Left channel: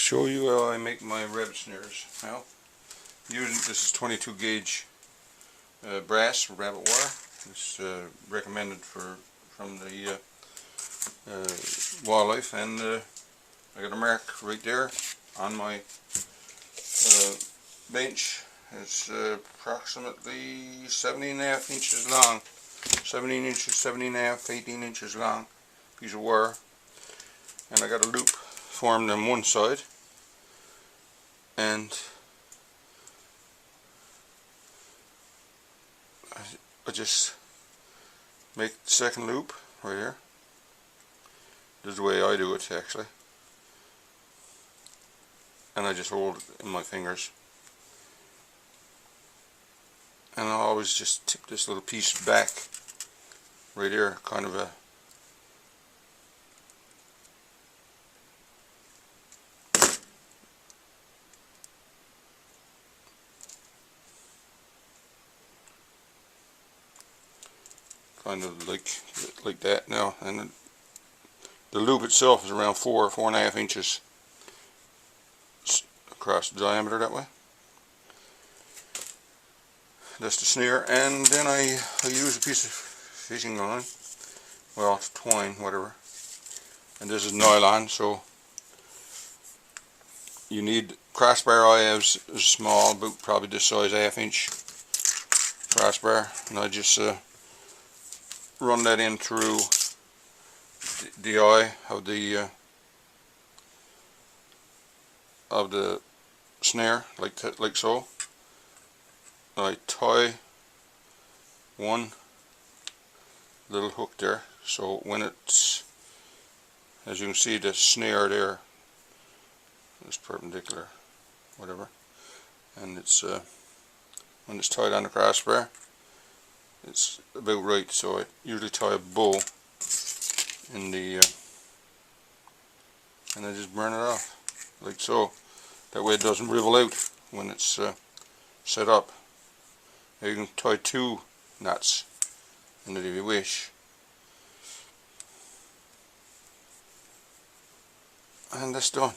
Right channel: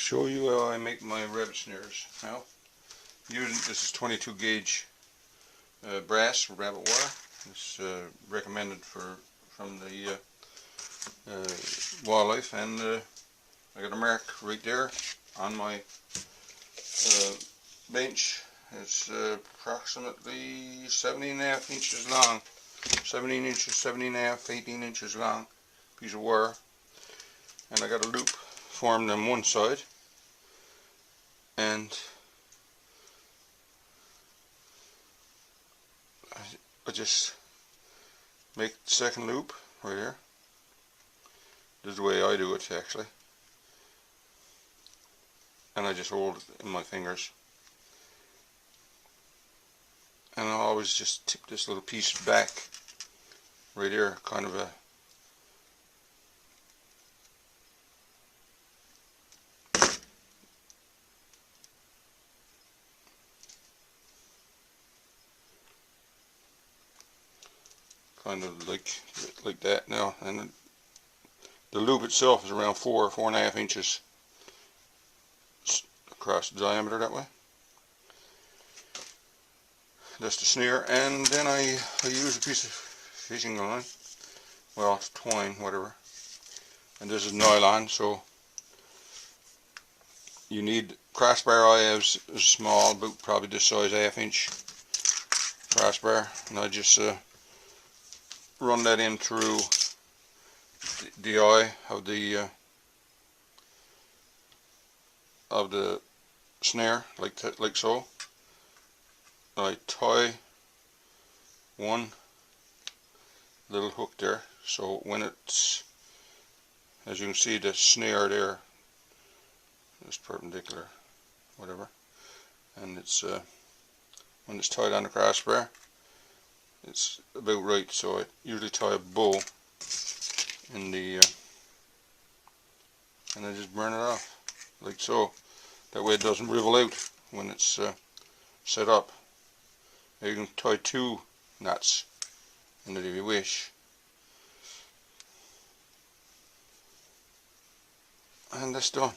show you how I make my rabbit snares. Now, this is 22 gauge brass rabbit wire. It's recommended from the wildlife, and I got a mark right there on my bench. It's approximately 17.5 inches long, 17 inches, 17.5, 18 inches long piece of wire, and I got a loop formed on one side, and I just make the second loop right here. This is the way I do it actually, and I just hold it in my fingers, and I always just tip this little piece back right here, kind of a like that now, and the loop itself is around 4.5 inches across the diameter that way. That's the snare, and then I use a piece of fishing line, well, it's twine, whatever, and this is nylon, so you need crossbar. I have a small, about probably this size, 1/2 inch crossbar, and I just run that in through the eye of the snare, like so. I tie one little hook there, so when it's, as you can see, the snare there is perpendicular, whatever, and it's when it's tied on the crossbar, it's about right. So I usually tie a bow in the and I just burn it off like so. That way it doesn't rivel out when it's set up. Now you can tie 2 knots in it if you wish, and that's done.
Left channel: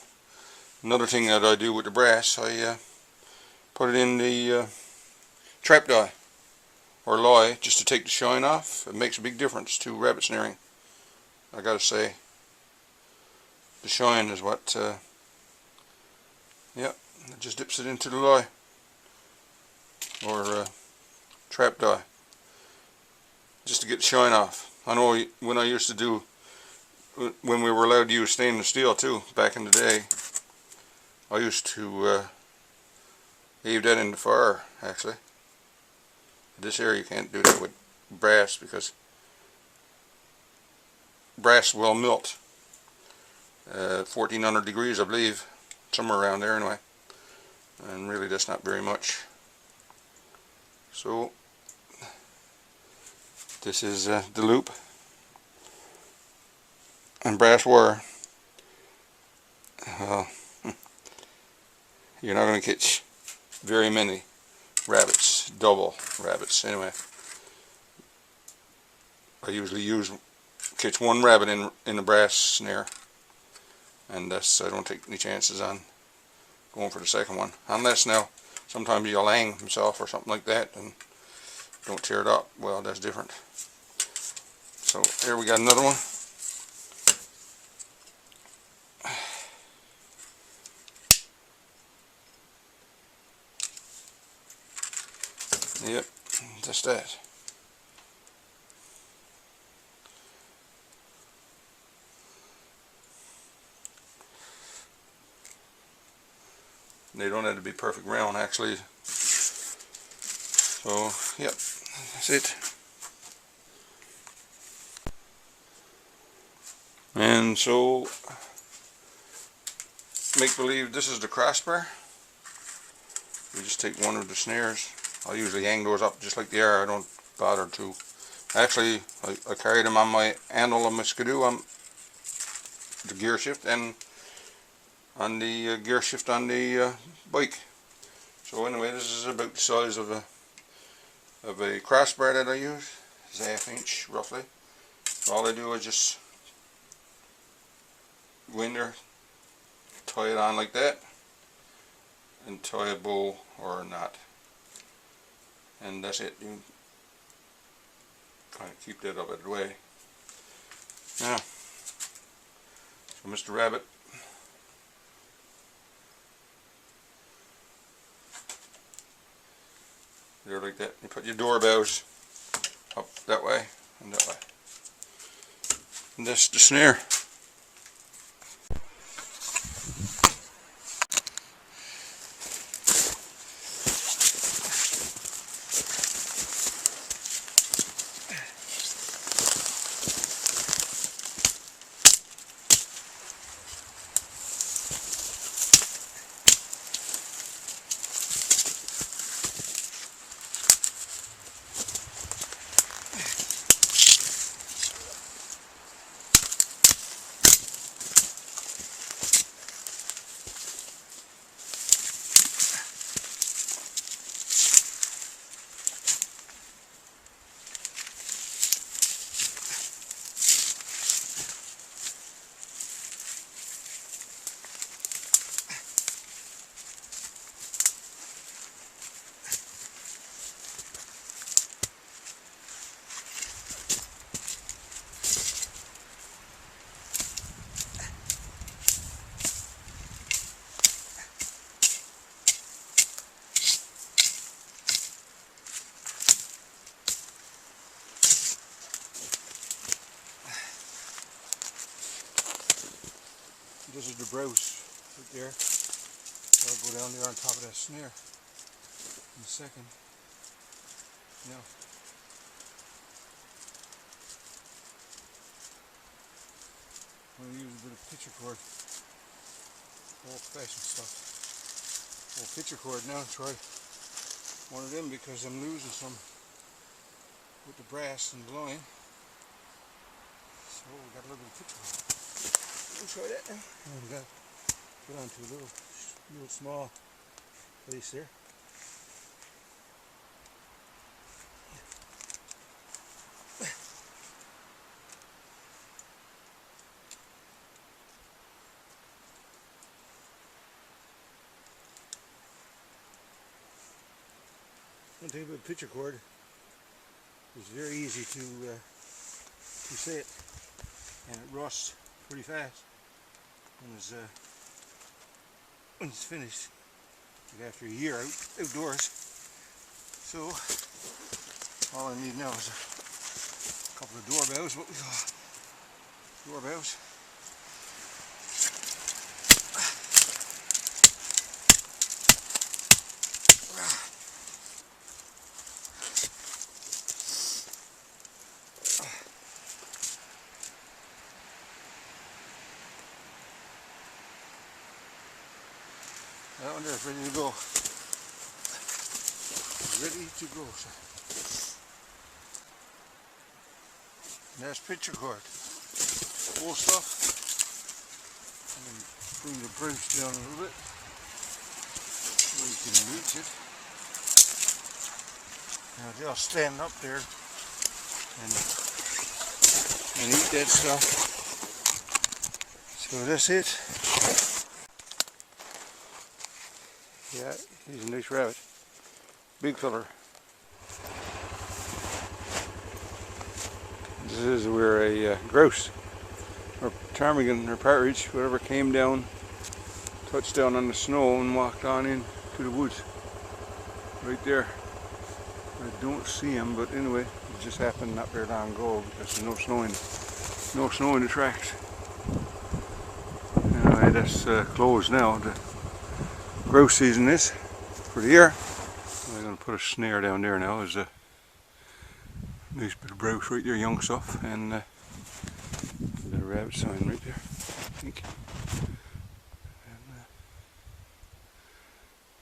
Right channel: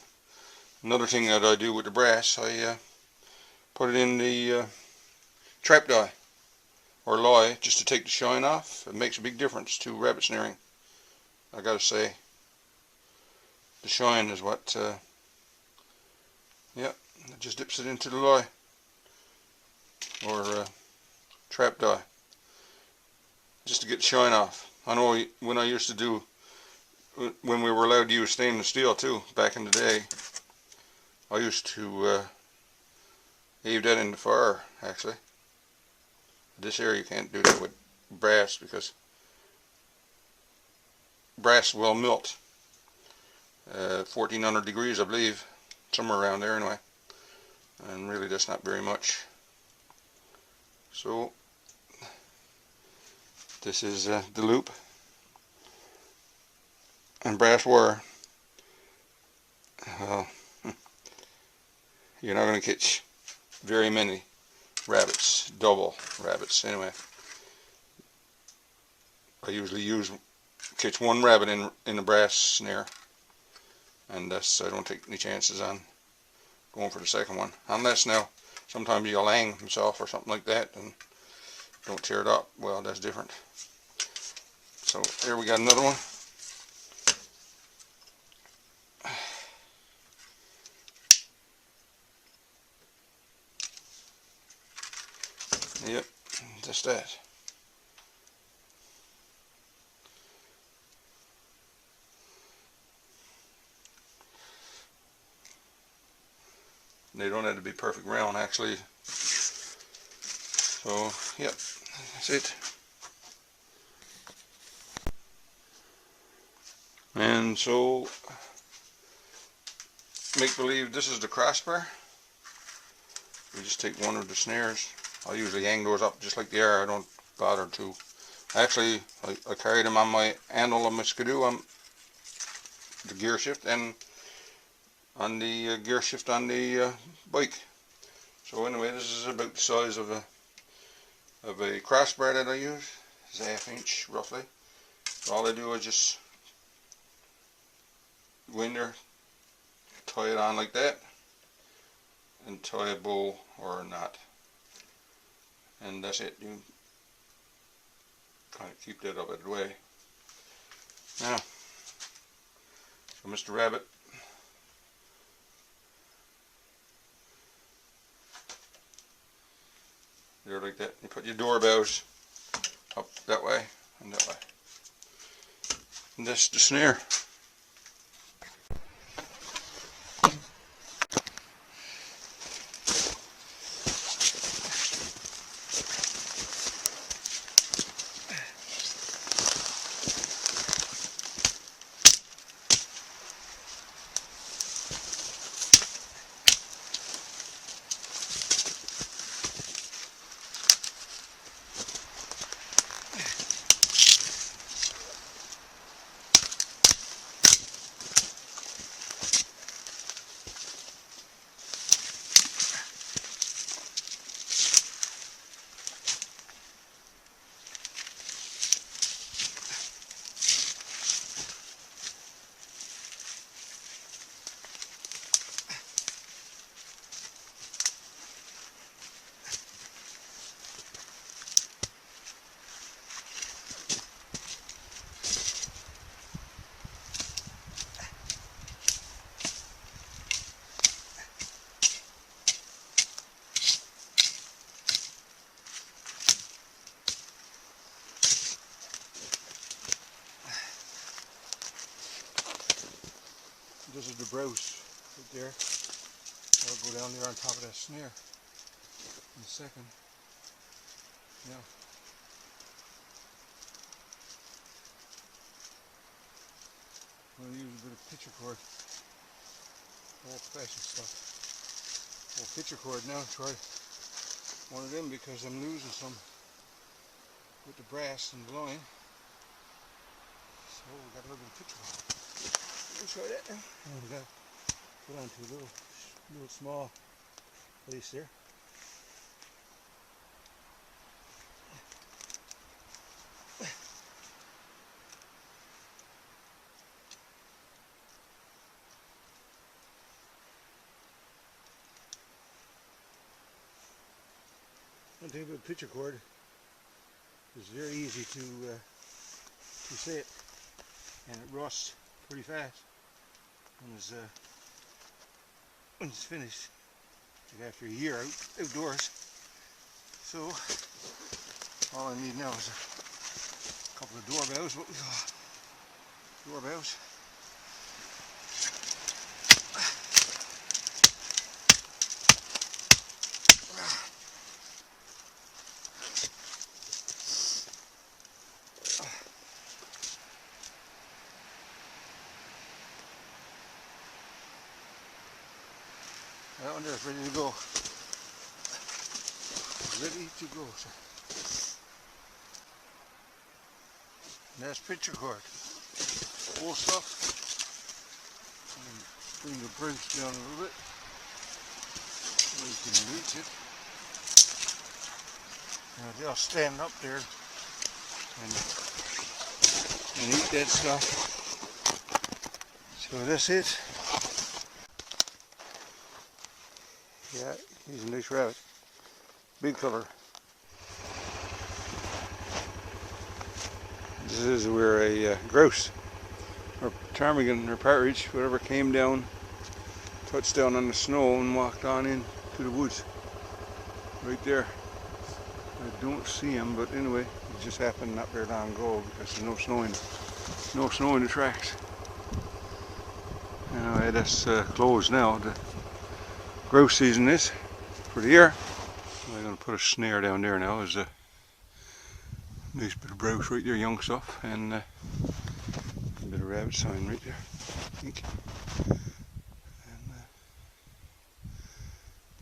Another thing that I do with the brass, I put it in the trap die or lye just to take the shine off. It makes a big difference to rabbit snaring, I gotta say. The shine is what yeah, it just dips it into the lye or trap die just to get the shine off. I know when I used to do, when we were allowed to use stainless steel too back in the day, I used to leave that in the fire actually. This area you can't do that with brass because brass will melt. 1400 degrees, I believe, somewhere around there anyway, and really that's not very much. So this is the loop and brass wire. You're not going to catch very many rabbits, double rabbits anyway. I usually catch one rabbit in a brass snare, and that's, I don't take any chances on going for the second one, unless now sometimes you'll hang himself or something like that and don't tear it up. Well, that's different. So here we got another one. Yep, just that. They don't have to be perfect round actually. So yep, that's it. And so make believe this is the crossbar. We just take one of the snares. I usually hang those up just like they are. I don't bother to. Actually, I carry them on my handle of my skidoo, on the gear shift, and on the gear shift on the bike. So anyway, this is about the size of a crossbar that I use. It's 1/2 inch roughly. So all I do is just go in there, tie it on like that and tie a bow or a knot, and that's it. You kind of keep that up out of the way. Now, so Mr. Rabbit, there like that. You put your door bows up that way and that way. And that's the snare. This is the browse right there. I'll go down there on top of that snare in a second. Now, I'm going to use a bit of pitcher cord, old-fashioned stuff. Old pitcher cord now. Try one of them because I'm losing some with the brass and blowing. So we got a little bit of pitcher cord. We'll try that now. And we got put onto a little small place there. One thing about pitcher cord is very easy to set, and it rusts pretty fast when it's finished, like after a year outdoors. So all I need now is a couple of doorbells, what we call doorbells. That one there is ready to go. Ready to go, sir. And that's pitcher cord. Full stuff. And bring the brooch down a little bit so you can reach it. Now they'll stand up there and eat that stuff. So that's it. Yeah, he's a nice rabbit. Big fella. This is where a grouse, or ptarmigan, or partridge, whatever, came down, touched down on the snow and walked on in to the woods. Right there. I don't see him, but anyway, it just happened not very long ago because there's no snow in the tracks. Anyway, that's closed now. The grouse season is for the year. I'm going to put a snare down there now. There's a nice bit of browse right there, young stuff, and a bit of rabbit sign right there, I think. And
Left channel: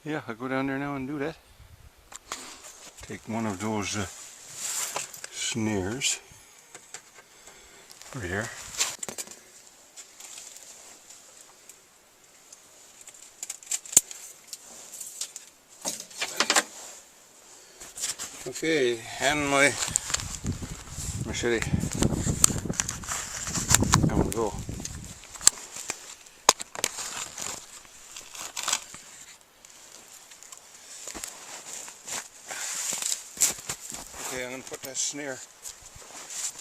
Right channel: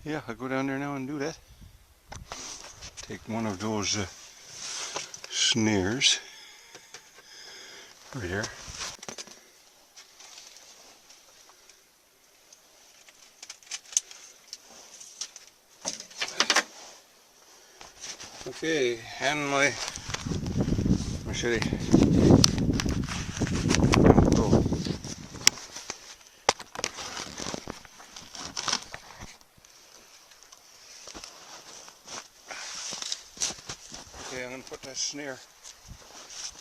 yeah, I'll go down there now and do that. Take one of those snares right here. Okay, and my machete. There we go. anyway, I'm going to put that snare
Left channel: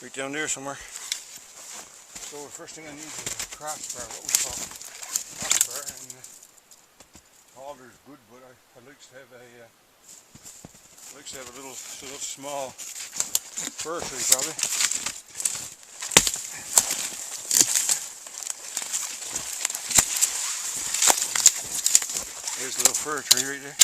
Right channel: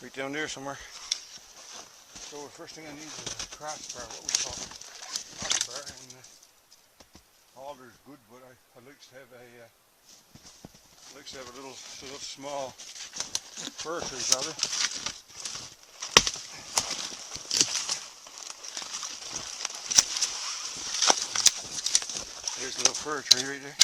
right down there somewhere. So the first thing I need is a crossbar, what we call crossbar, and halter is good, but I like to have a little small fir tree probably. There's a little fir tree right there.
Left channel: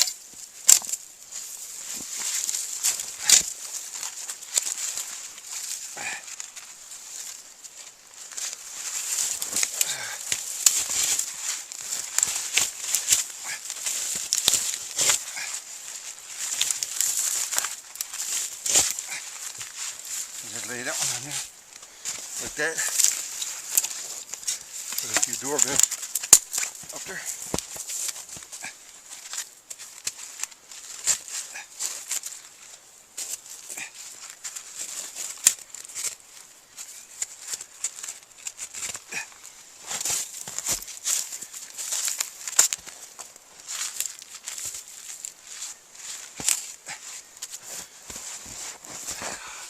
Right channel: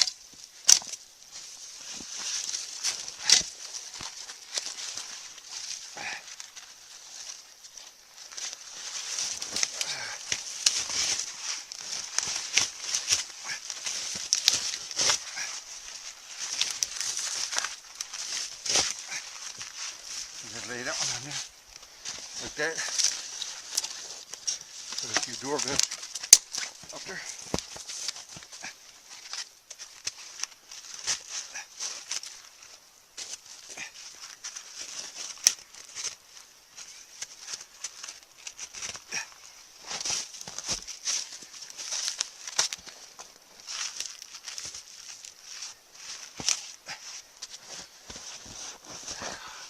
Just lay that one on there, like that. Put a few doorbells up there.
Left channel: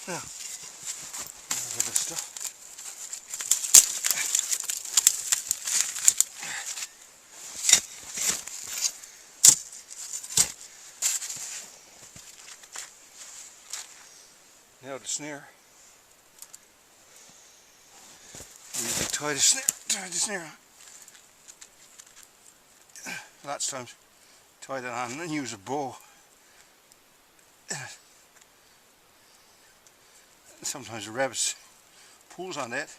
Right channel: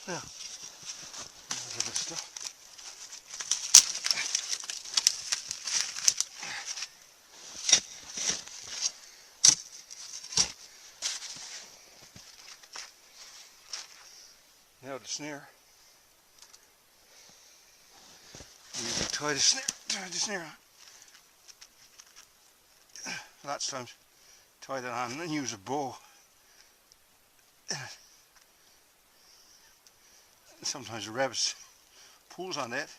Now, look at this stuff. Now the snare. We usually tie the snare on. Lots of times tie that on and then use a bow. Sometimes the rabbits pulls on that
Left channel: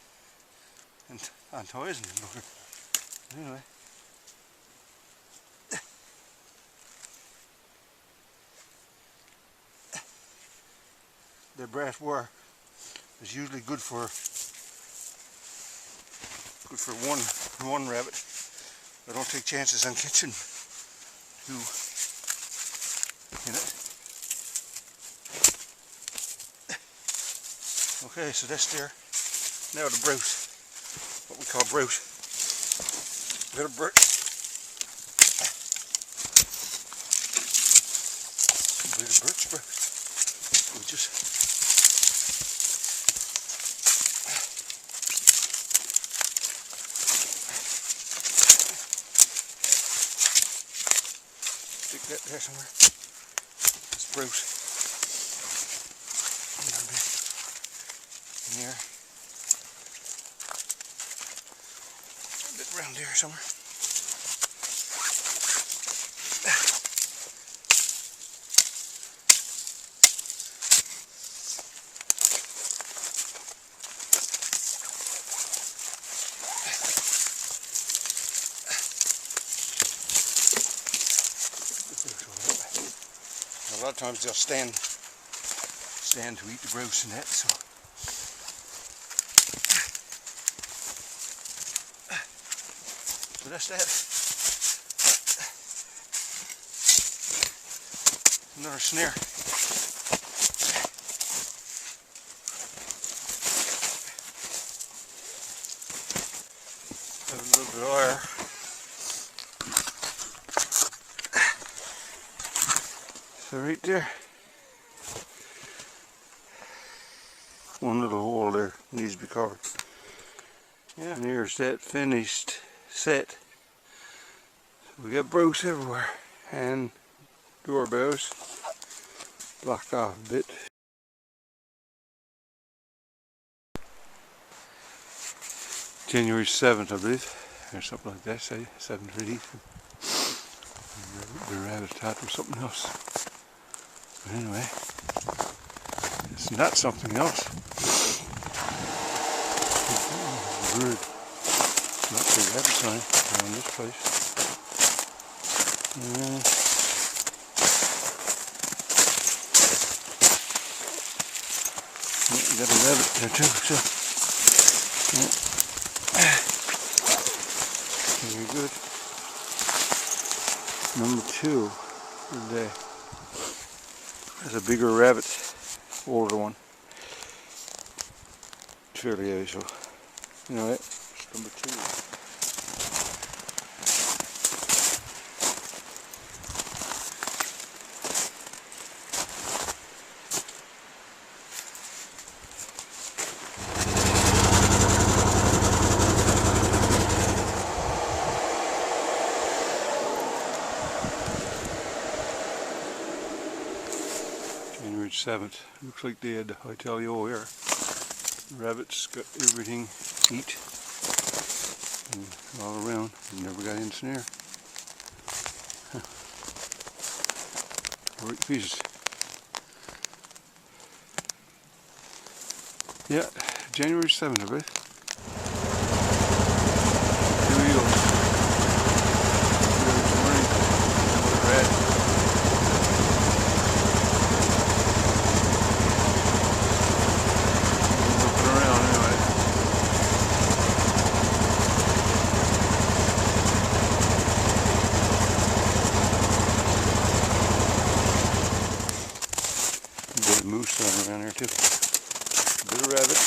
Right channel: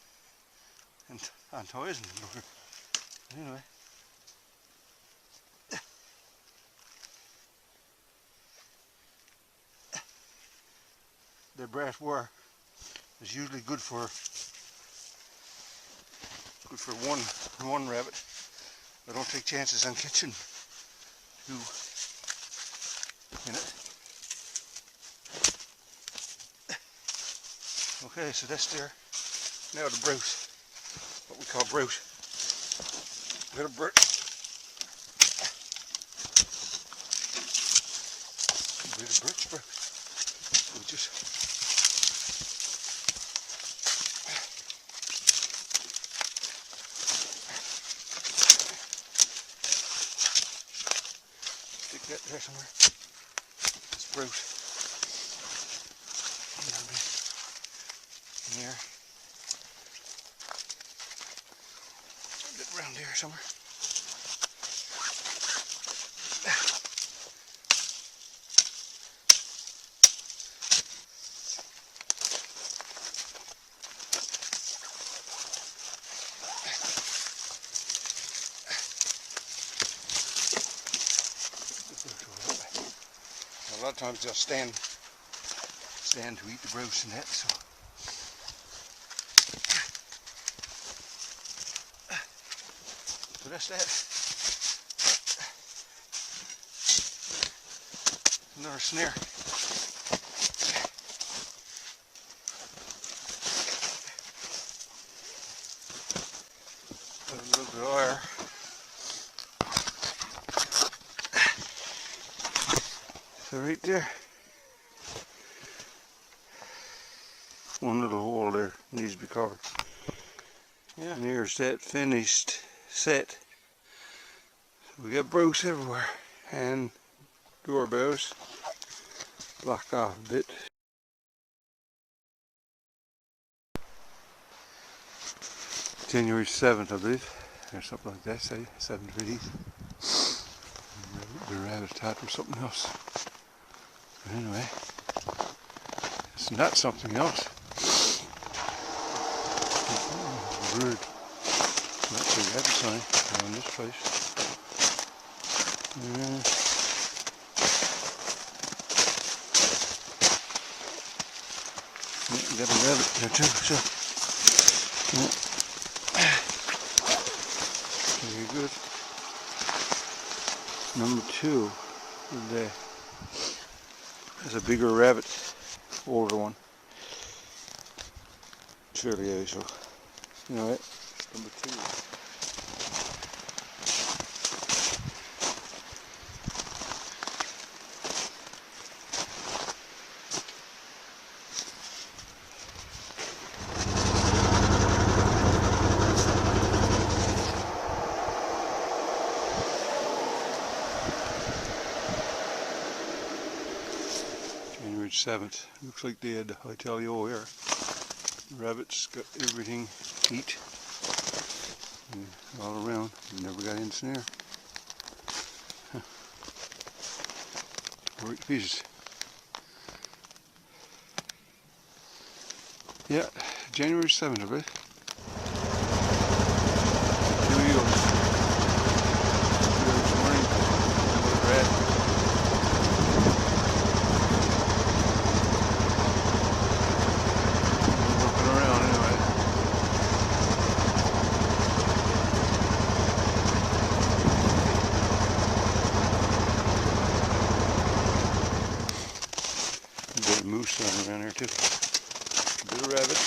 and ties and anyway. The brass wire is usually good for one rabbit. I don't take chances on catching two in it. Okay, so that's there. Now the brute, what we call brute. Got a brute. Bit of birch brute. We just stick that there somewhere. It's brute. In here. A bit around here somewhere. A lot of times they'll stand to eat the brute and that, so. So that's that. Another snare. Have a little bit of wire. So right there, one little hole there needs to be covered. Yeah. And here's that finished set. So we got brooks everywhere and doorbells blocked off a bit. January 7th, I believe, or something like that, say 7th release. The rabbit thought was something else. But anyway, it's not something else. Bird. Not the rabbit sign around this place. Yeah, got a rabbit there too, so. Very good. Number 2 of the day. That's a bigger rabbit, older one. Fairly heavy, so you know it. It's number 2. January 7th. Looks like they had, I tell you, here. Rabbits got everything eat all around. Never got in snare. Huh. Right pieces. Yeah, January 7th, I bet. Here we go. This morning, red. Working around anyway. A bit of moose running around here too. A bit of rabbit.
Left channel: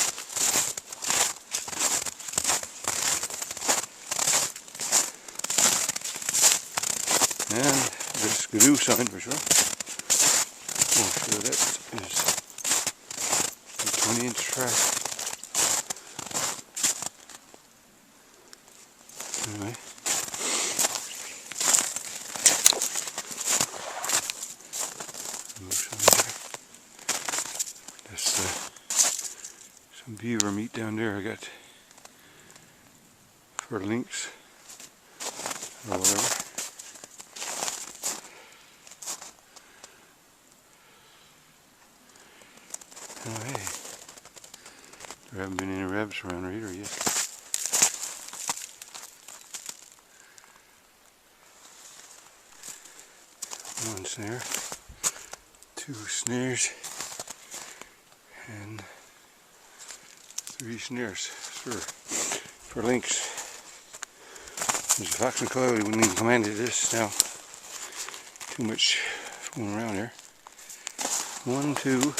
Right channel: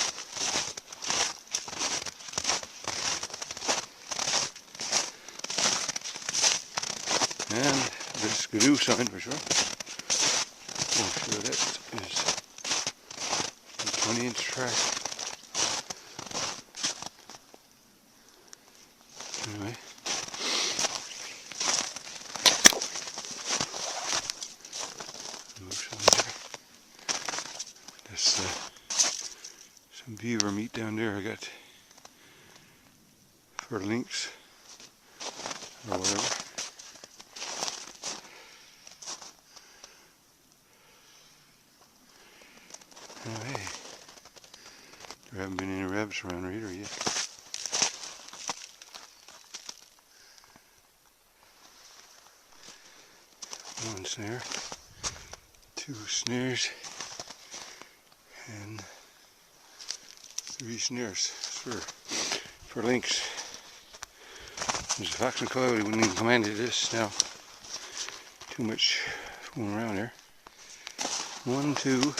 And this skidoo sign for sure. Oh, sure that is a 20-inch track. Anyway. There's some beaver meat down there I got for lynx or whatever. Oh, hey, there haven't been any rabbits around here either yet. One snare, two snares, and three snares for lynx. There's a fox and coyote wouldn't even come into this now. Too much going around here. 1, 2,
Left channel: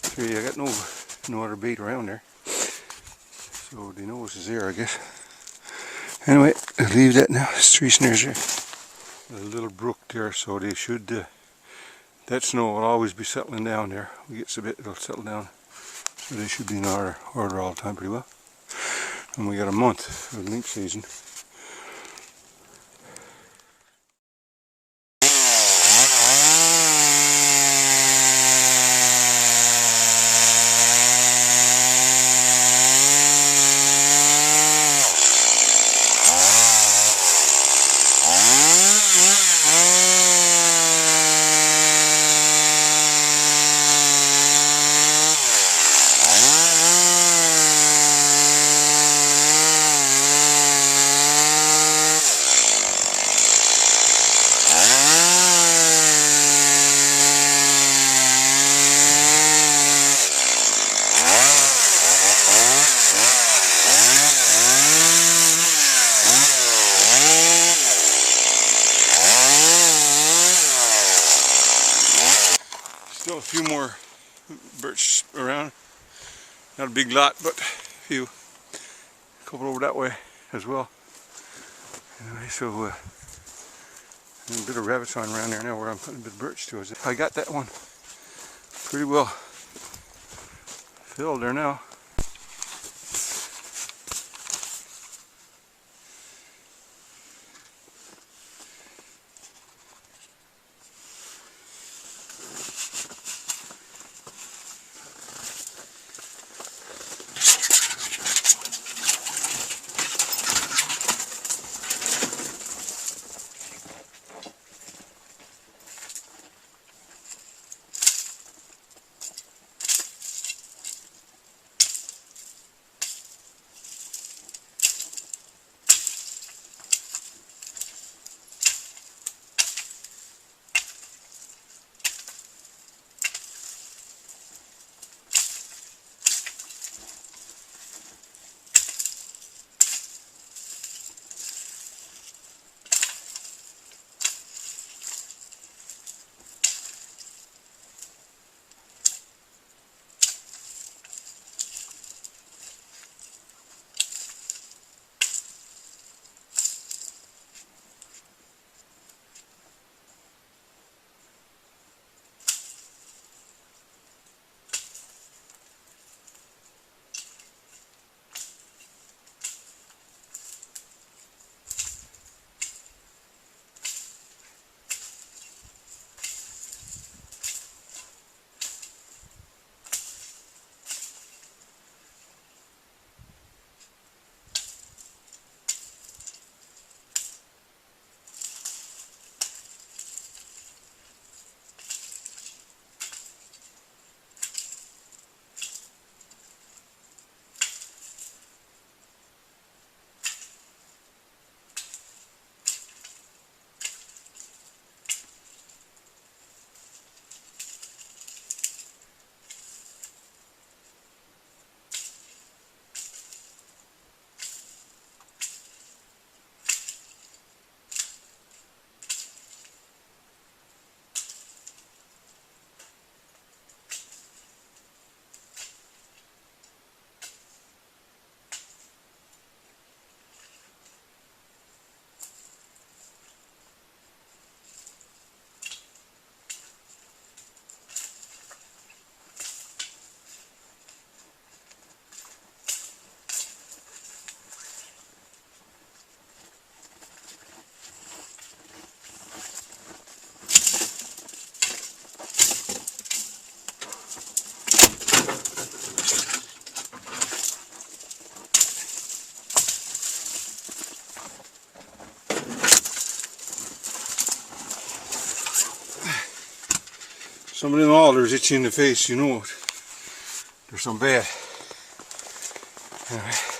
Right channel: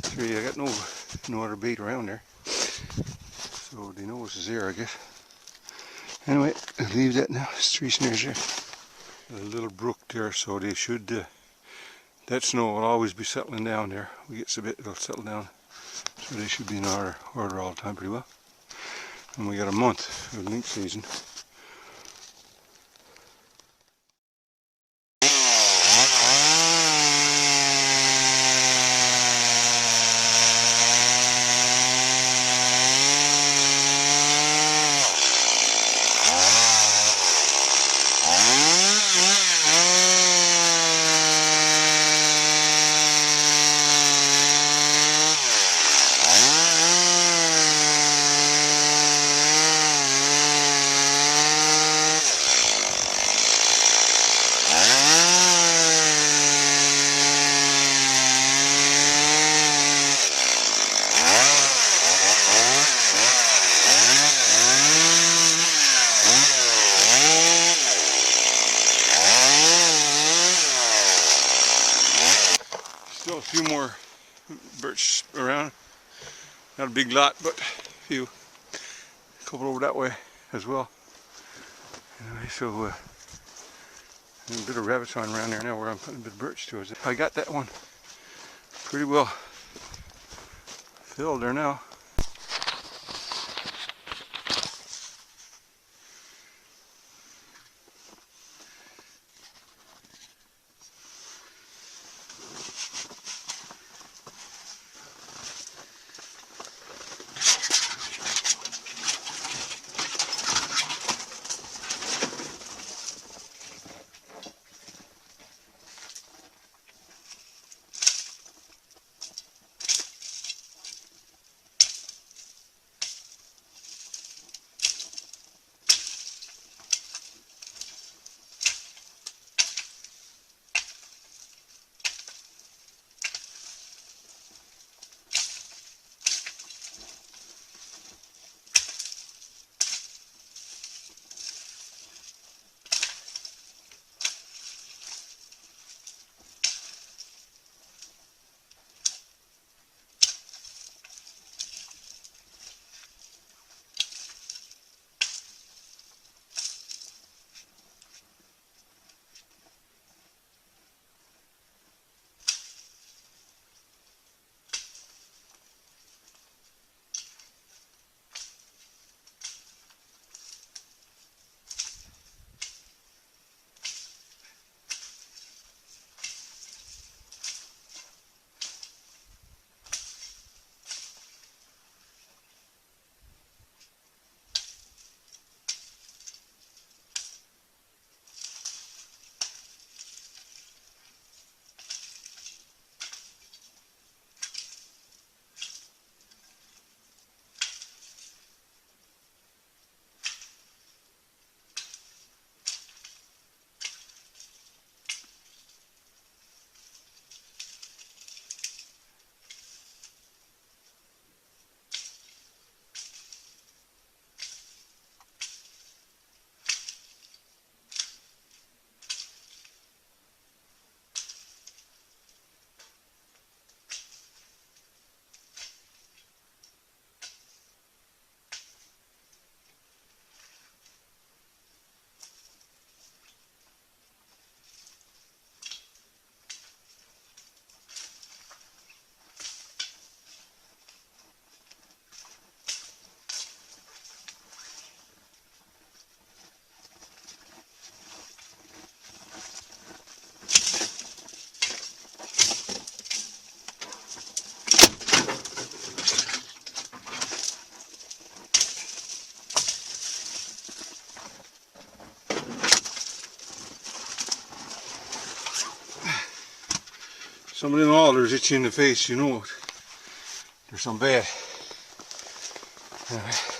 3. I got no other bait around there, so they know this is there, I guess. Anyway, I'll leave that now. There's 3 snares there. A little brook there, so they should. That snow will always be settling down there. We get a bit, it'll settle down, so they should be in order all the time pretty well. And we got a month of lynx season. Still a few more birch around. Not a big lot, but a few. A couple over that way as well. Anyway, so there's a bit of rabbit sign around there now where I'm putting a bit of birch to it. I got that one pretty well filled there now. Some of them alders itchy in the face, you know it. There's some bad. Alright.